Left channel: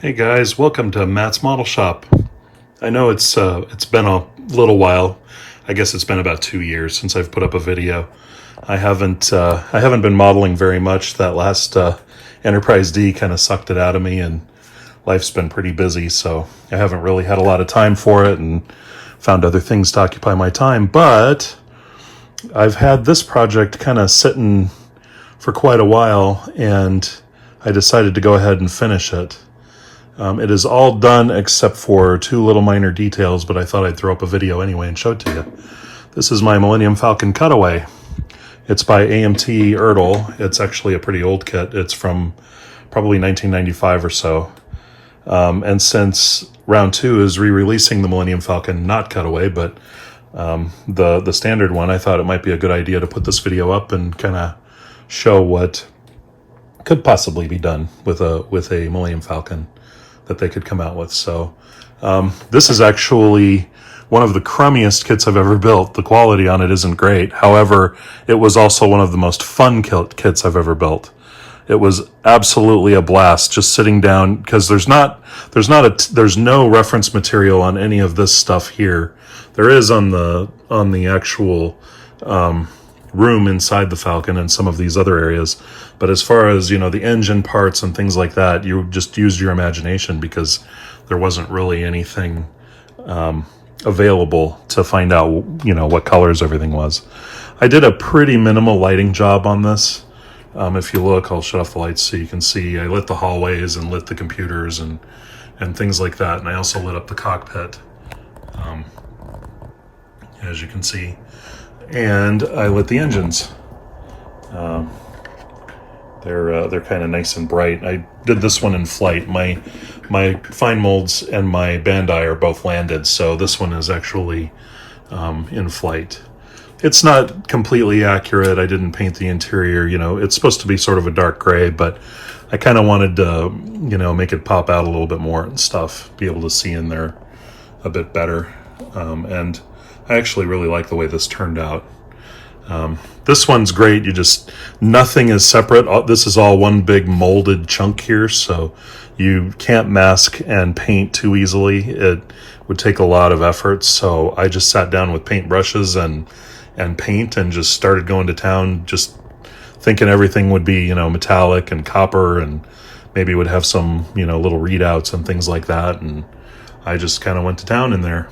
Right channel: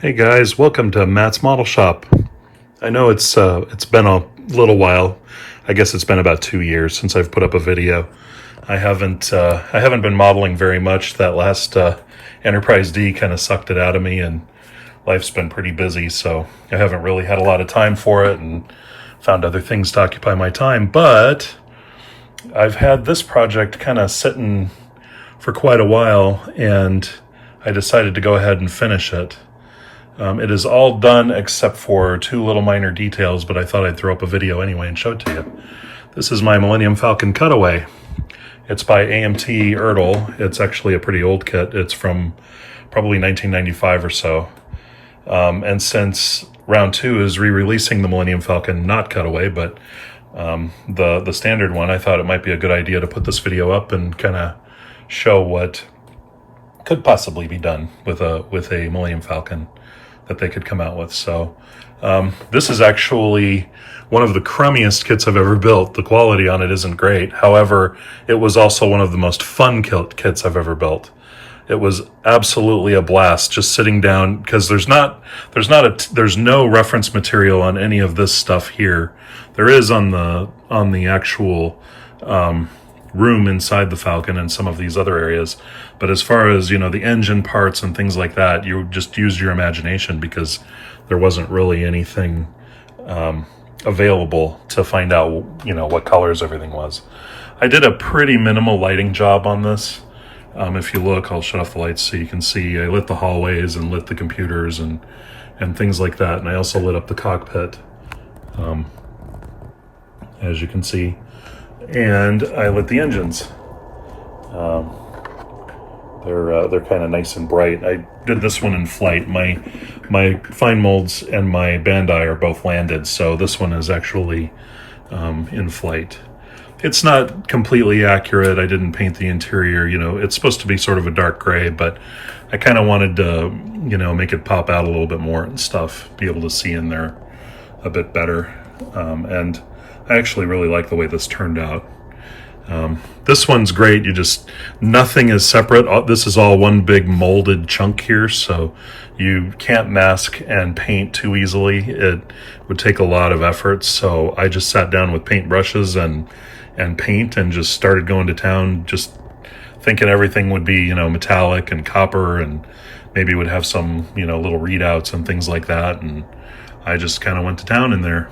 Hey guys, welcome to Matt's Model Shop. I know it's been a little while. I guess it's been about 2 years since I've put up a video. I haven't been modeling very much. That last Enterprise D kind of sucked it out of me, and life's been pretty busy, so I haven't really had a lot of time for it and found other things to occupy my time. But I've had this project kind of sitting for quite a while, and I decided to go ahead and finish it. It is all done except for 2 little minor details, but I thought I'd throw up a video anyway and show it to you. This is my Millennium Falcon Cutaway. It's by AMT Ertl. It's actually a pretty old kit. It's from probably 1995 or so. And since round 2 is re-releasing the Millennium Falcon, not Cutaway, but the standard one, I thought it might be a good idea to put this video up and kind of show what could possibly be done with a Millennium Falcon that they could come out with. So this is actually one of the crummiest kits I've ever built. The quality on it isn't great. However, it was also one of the most fun kits I've ever built. It was absolutely a blast just sitting down, because there's no reference material on any of this stuff here. There is on the actual room inside the Falcon and some of these other areas, but as far as, you know, the engine parts and things like that, you just used your imagination, because there wasn't really anything available to find out, you know, what colors everything was. I did a pretty minimal lighting job on this. If you look, I'll shut off the lights so you can see. I lit the hallways and lit the computers and things like that, and I also lit up the cockpit, as you can see. And I lit the engines. They're kind of nice and bright. I did this one in flight. My fine molds and my Bandai are both landed, so this one is actually in flight. It's not completely accurate. I didn't paint the interior. You know, it's supposed to be sort of a dark gray, but I kind of wanted to, you know, make it pop out a little bit more and stuff, be able to see in there a bit better. And I actually really like the way this turned out. This one's great. Nothing is separate. This is all one big molded chunk here, so you can't mask and paint too easily. It would take a lot of effort, so I just sat down with paint brushes and paint and just started going to town, just thinking everything would be, you know, metallic and copper, and maybe would have some, you know, little readouts and things like that, and I just kind of went to town in there.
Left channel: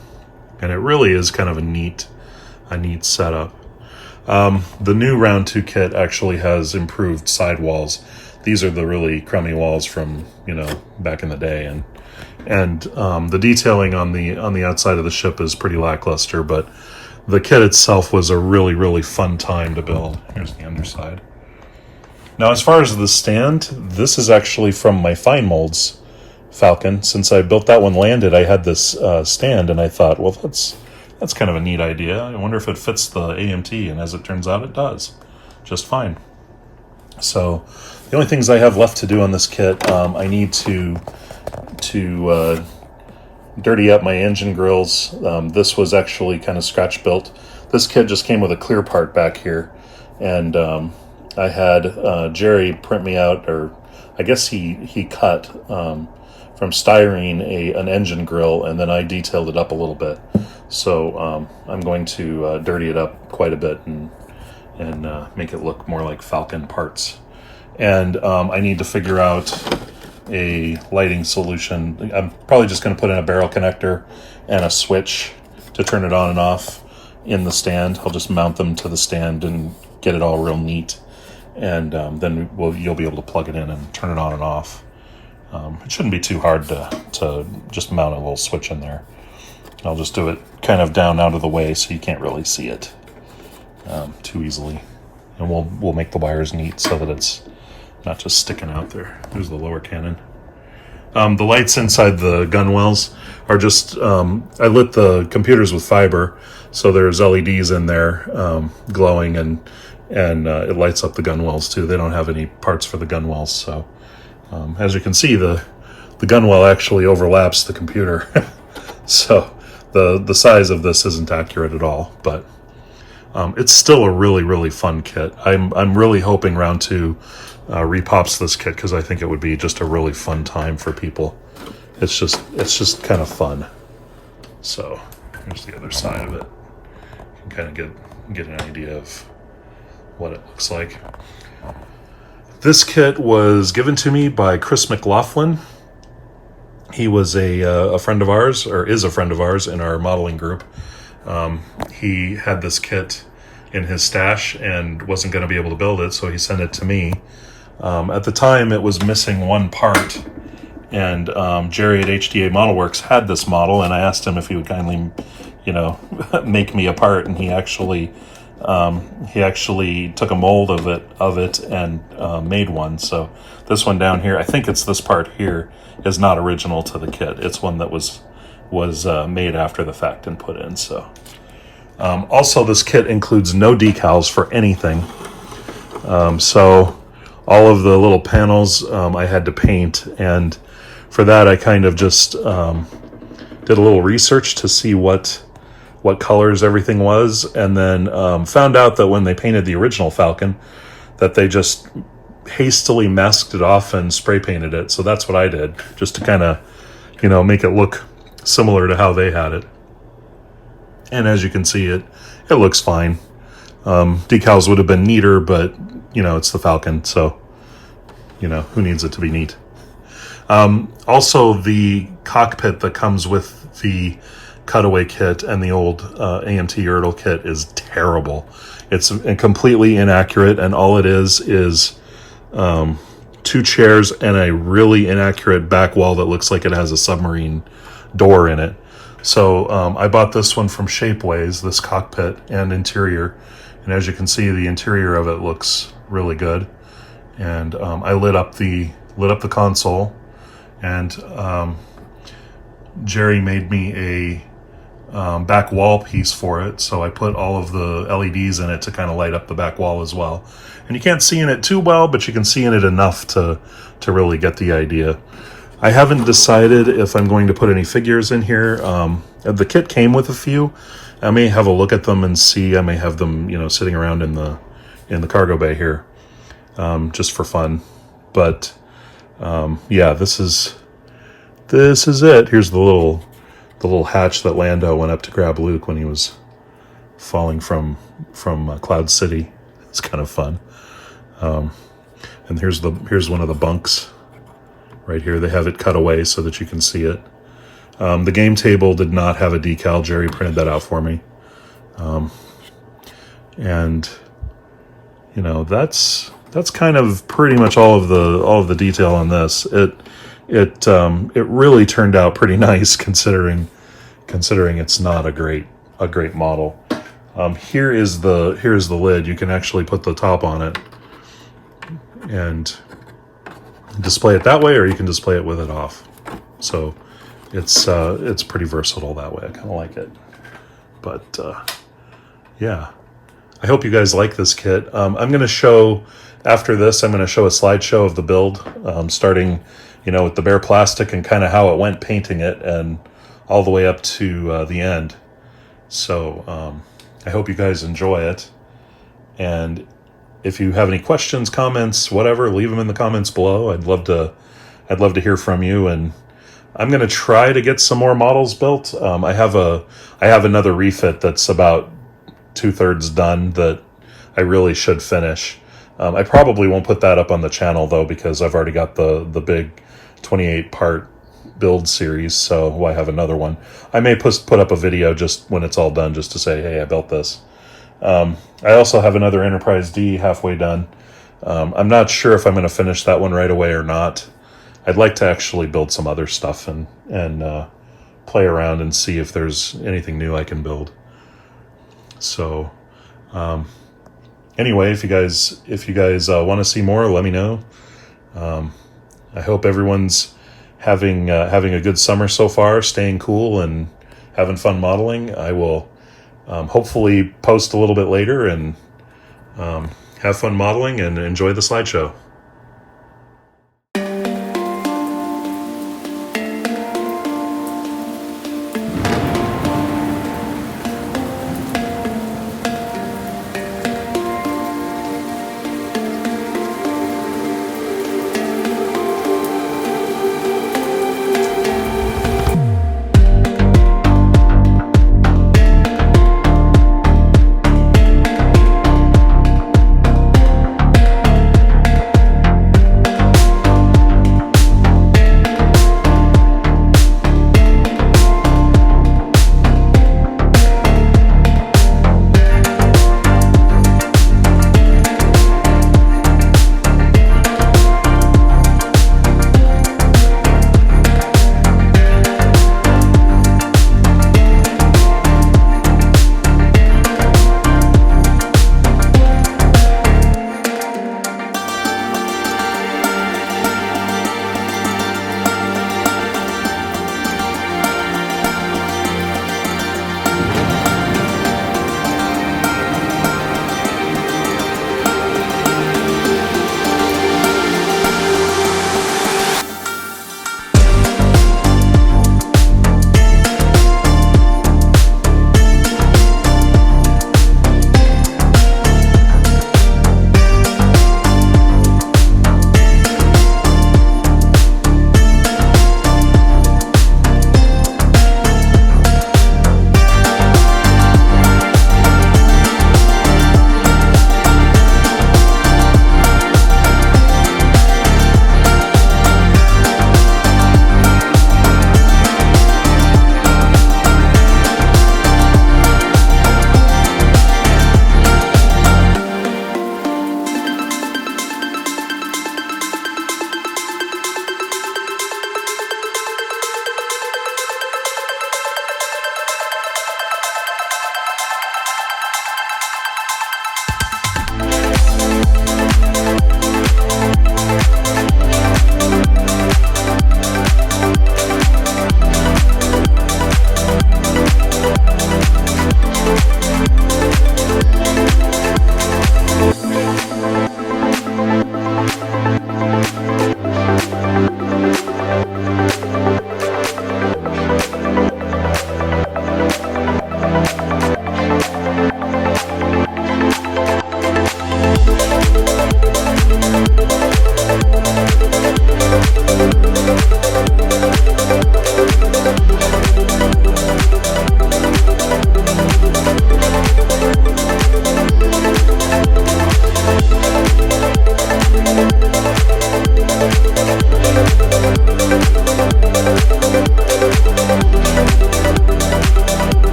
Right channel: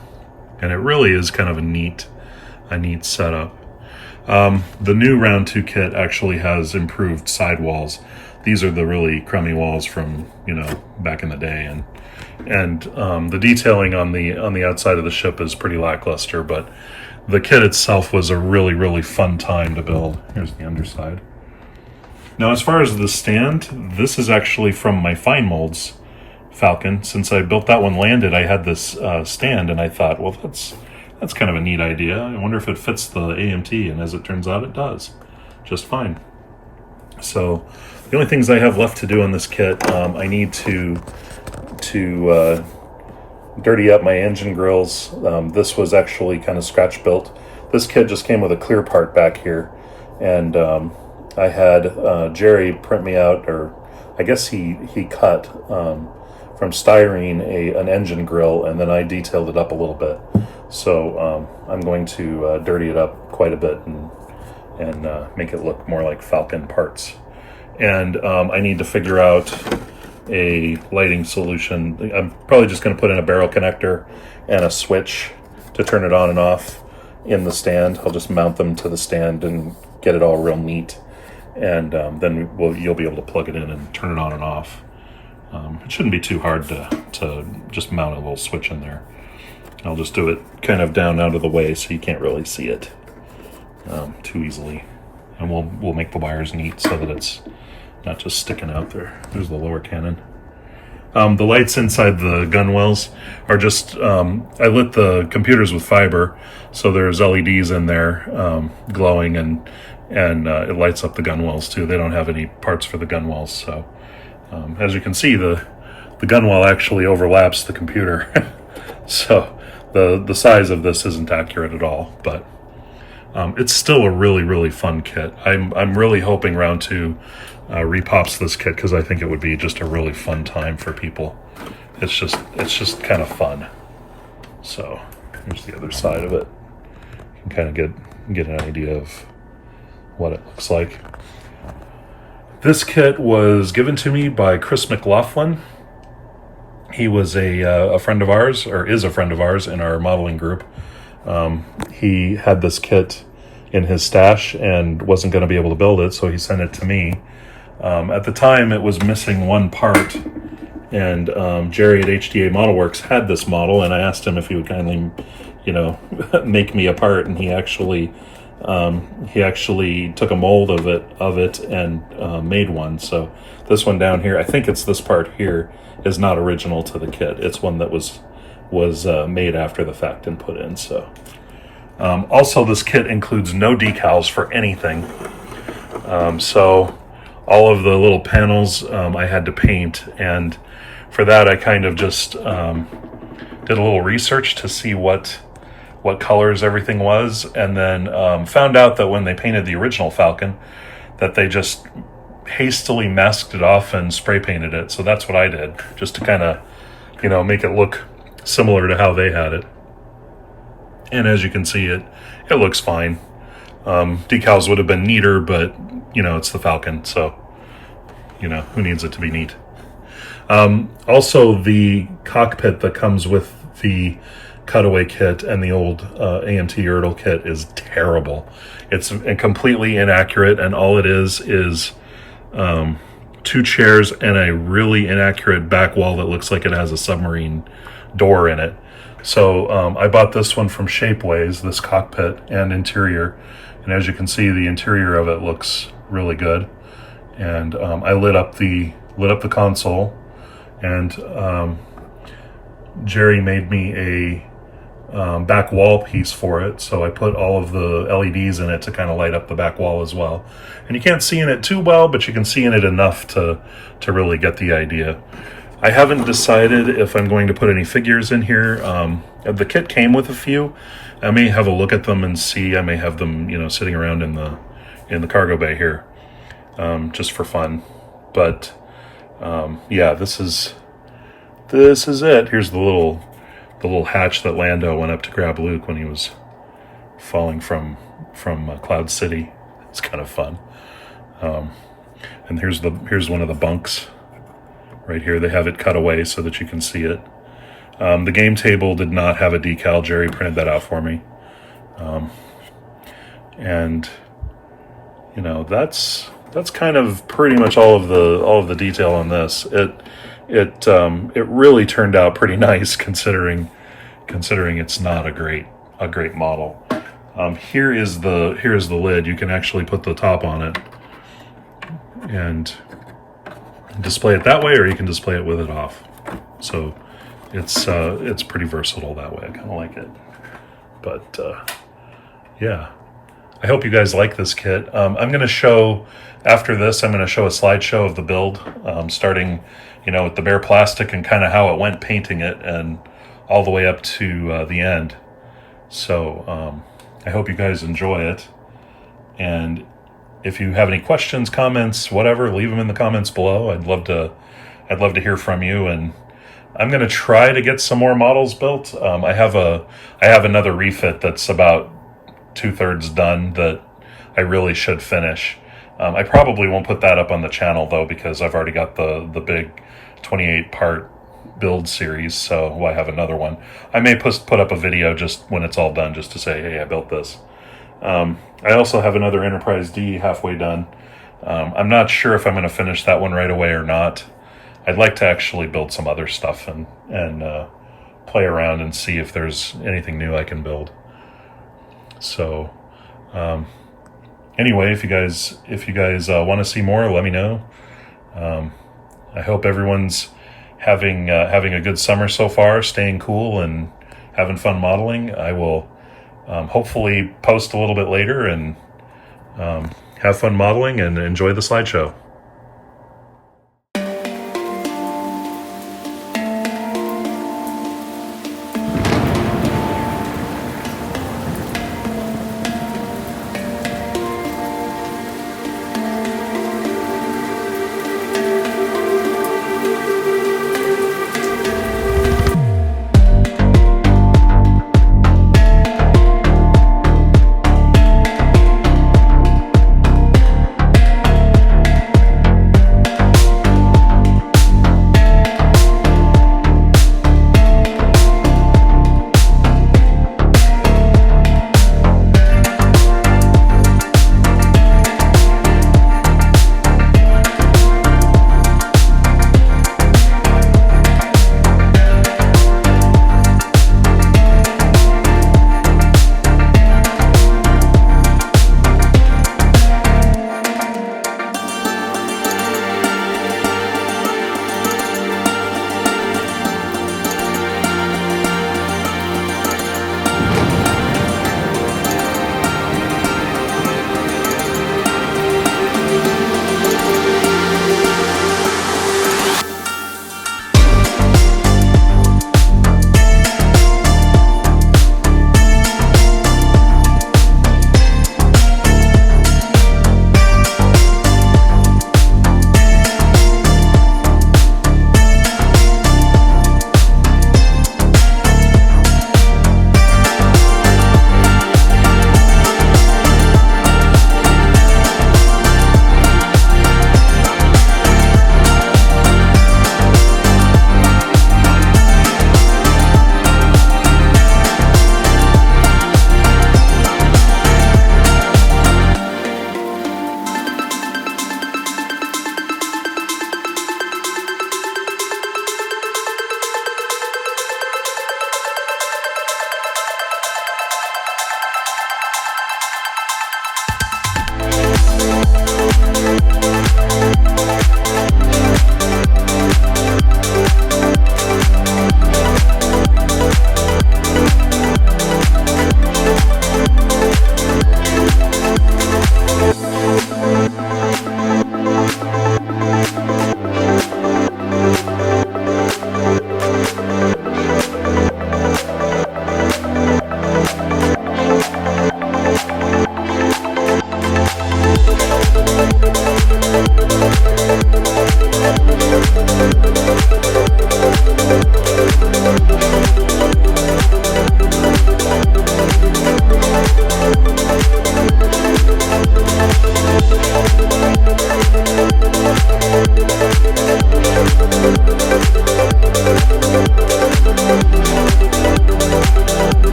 And it really is kind of a neat setup. The new round 2 kit actually has improved sidewalls. These are the really crummy walls from, you know, back in the day, and the detailing on the outside of the ship is pretty lackluster, but the kit itself was a really fun time to build. Here's the underside. Now, as far as the stand, this is actually from my fine molds Falcon. Since I built that one landed, I had this stand, and I thought, well, that's kind of a neat idea. I wonder if it fits the AMT, and as it turns out, it does just fine. So the only things I have left to do on this kit, I need to dirty up my engine grills. This was actually kind of scratch built. This kit just came with a clear part back here, and I had Jerry print me out, or I guess he cut from styrene an engine grill, and then I detailed it up a little bit. So I'm going to dirty it up quite a bit and make it look more like Falcon parts. And I need to figure out a lighting solution. I'm probably just going to put in a barrel connector and a switch to turn it on and off in the stand. I'll just mount them to the stand and get it all real neat, and then you'll be able to plug it in and turn it on and off. It shouldn't be too hard to just mount a little switch in there. I'll just do it kind of down out of the way so you can't really see it too easily. And we'll make the wires neat so that it's not just sticking out there. There's the lower cannon. The lights inside the gunwales are just, I lit the computers with fiber, so there's LEDs in there glowing, and it lights up the gunwales too. They don't have any parts for the gunwales, so as you can see, the gunwale actually overlaps the computer. So the size of this isn't accurate at all, but It's still a really, really fun kit. I'm really hoping round 2 repops this kit, because I think it would be just a really fun time for people. It's just kind of fun. So here's the other side of it. You can kind of get an idea of what it looks like. This kit was given to me by Chris McLaughlin. He was a friend of ours, or is a friend of ours in our modeling group. He had this kit in his stash and wasn't going to be able to build it, so he sent it to me. At the time, it was missing one part, and Jerry at HDA Model Works had this model, and I asked him if he would kindly, make me a part, and he actually took a mold of it and made one. So this one down here, I think it's this part here, is not original to the kit. It's one that was made after the fact and put in. So also, this kit includes no decals for anything. So all of the little panels I had to paint, and for that I kind of just did a little research to see what colors everything was, and then found out that when they painted the original Falcon, that they just hastily masked it off and spray painted it. So that's what I did, just to kind of, make it look similar to how they had it. And as you can see, it looks fine. Decals would have been neater, but it's the Falcon, so who needs it to be neat? Also, the cockpit that comes with the Cutaway kit and the old AMT Ertl kit is terrible. It's completely inaccurate, and all it is 2 chairs and a really inaccurate back wall that looks like it has a submarine door in it. So I bought this one from Shapeways, this cockpit and interior, and as you can see, the interior of it looks really good. And I lit up the console, and Jerry made me a back wall piece for it, so I put all of the LEDs in it to kind of light up the back wall as well. And you can't see in it too well, but you can see in it enough to really get the idea. I haven't decided if I'm going to put any figures in here. The kit came with a few. I may have a look at them and see. I may have them, sitting around in the cargo bay here, just for fun. But yeah, this is it. Here's the little hatch that Lando went up to grab Luke when he was falling from Cloud City. It's kind of fun. And here's one of the bunks right here. They have it cut away so that you can see it. The game table did not have a decal. Jerry printed that out for me. And that's kind of pretty much all of the detail on this. It really turned out pretty nice, considering it's not a great model. Here is the lid. You can actually put the top on it and display it that way, or you can display it with it off. So it's pretty versatile that way. I kind of like it. But yeah, I hope you guys like this kit. I'm going to show, after this, I'm going to show a slideshow of the build, starting with the bare plastic and kind of how it went painting it, and all the way up to the end. So I hope you guys enjoy it. And if you have any questions, comments, whatever, leave them in the comments below. I'd love to hear from you. And I'm going to try to get some more models built. I have another refit that's about 2/3 done that I really should finish. I probably won't put that up on the channel though, because I've already got the big 28-part build series, so I have another one. I may put up a video just when it's all done, just to say, hey, I built this. I also have another Enterprise D halfway done. I'm not sure if I'm going to finish that one right away or not. I'd like to actually build some other stuff and play around and see if there's anything new I can build. So anyway, if you guys want to see more, let me know. I hope everyone's having a good summer so far, staying cool and having fun modeling. I will hopefully post a little bit later and have fun modeling and enjoy the slideshow.